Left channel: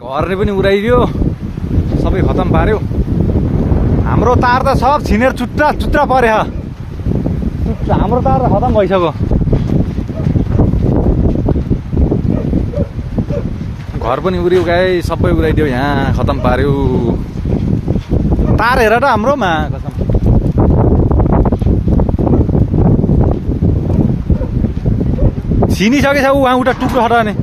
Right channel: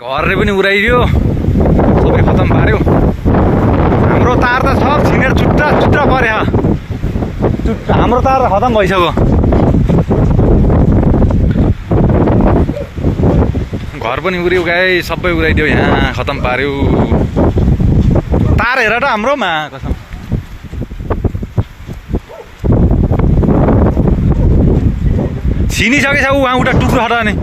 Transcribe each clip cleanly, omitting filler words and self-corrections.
घरले पनि उडाइदियो, सबै खतम पार्यो। हाम्रो तार त सब छिनेर चुट्टा चुट्टा पर्यो। हाम्रो तार त खतम भइसक्यो। घर पनि उड्यो गाई, सबै उडाइदियो, यहाँ खतम पार्यो। तार हेर त हाम्रोमा कसम। छिनिसकेछ उहाँ उता टुक्रो हटाउने।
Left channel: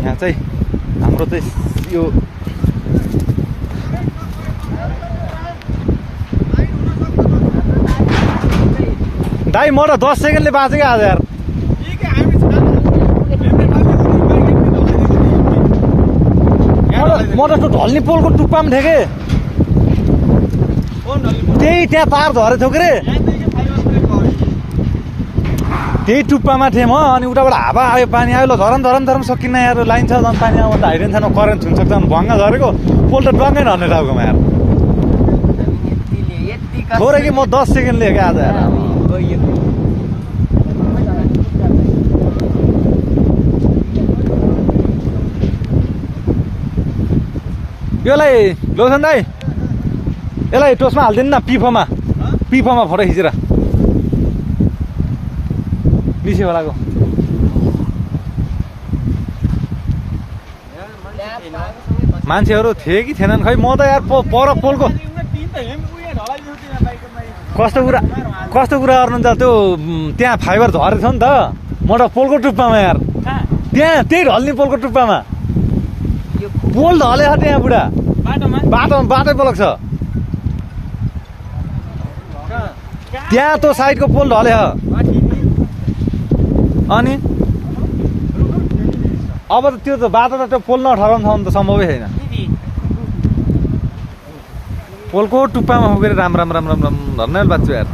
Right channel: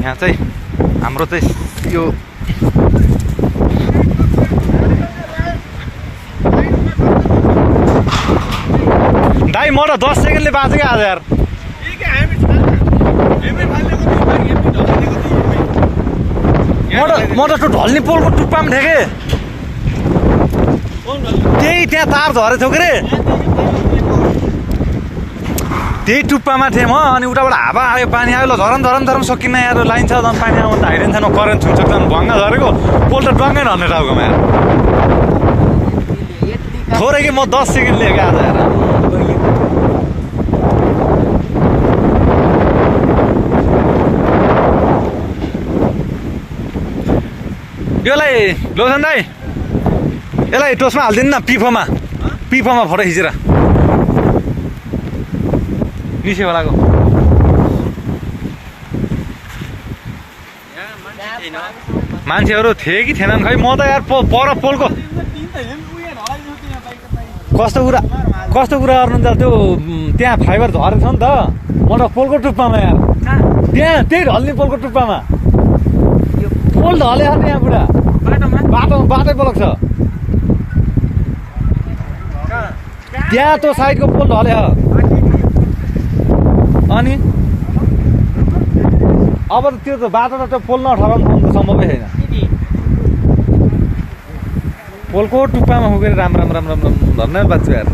यहाँ चाहिँ हाम्रो चाहिँ यो दाइ म त 10 सेकेन्डले बाँचेको आज यार। म त त्यो ढल्ने पोलको टुप्पामा थिएँ के, त्यही त्यहाँ तार झरेको थियो के रे, त्यही टुप्पामा थिएँ म। अनि उताबाट हावा आयो, पानी आयो, ल झरम झरम झरम सकिन्न यार, लाइन छ झन् पानी आयो भने त हाइडेन छैन, करेन्ट छुन्छ झन् भङ्गा झरेको पोल त डङ्गै नहर्ने टाउकोमा यार। थोरै कि म 10 सेकेन्ड लिएँ आज यार। यसलाई लोसन दाइ, यसलाई टोसमा हालिदिनु न, पिफोमा फोटो खिचेर निस्यो होलाको। मान्छेहरू थिए कि थिएनन् खै, म त यार पर पोलको कस्तो कुरा गर्नुहुन्छ त्यो, त्यहाँ फाइबर झरेछ नि त, म त पोलको टुप्पामा यार, त्यहाँ त्यही ढल्ने पोलको टुप्पामा पोल ढले त्यहाँ बुढा बाटै ब्लक छ त्यहाँ, त्यो साइडको पोल ढले। अनि अब त त्यो त बाटो त त्यो पोल नठराउनु त सम्भवै छैन। पोलको टुप्पामा पुगेर राम राम राम राम राम धन्यवाद बाच्छु यार।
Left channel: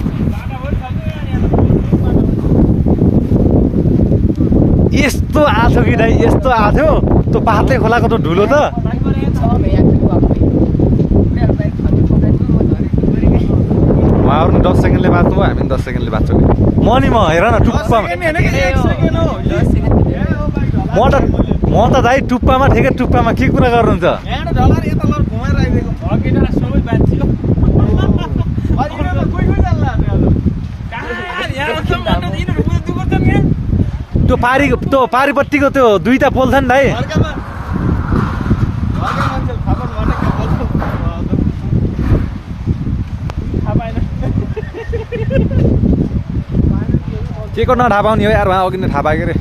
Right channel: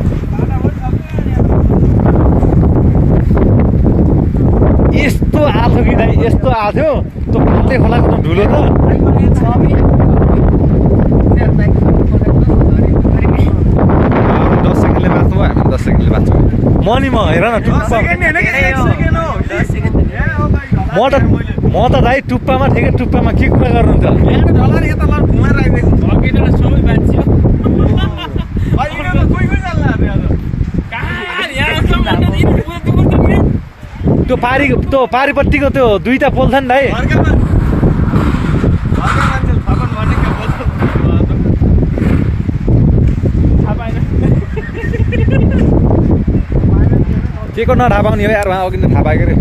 यस्तो आथ्यो कि दाइ, यस्तो आथ्यो त्यो पातले खोलाको त ढुलो त। उहाँहरू 10 सेकेन्डले बाँच्नु भयो, हामी 10 सेकेन्डले बाँच्छौँ। म हेर न टुप्पा, म त दाइ टुप्पामा ठेके, टुप्पामा के कुरा गर्नुहुन्छ। त्यो पारिपट्टिको त्यो दुईटा पोल छ नि दाइ, के को नढापाउने हो यार, उहाँ अघि नै थाहा पाएँ के रे।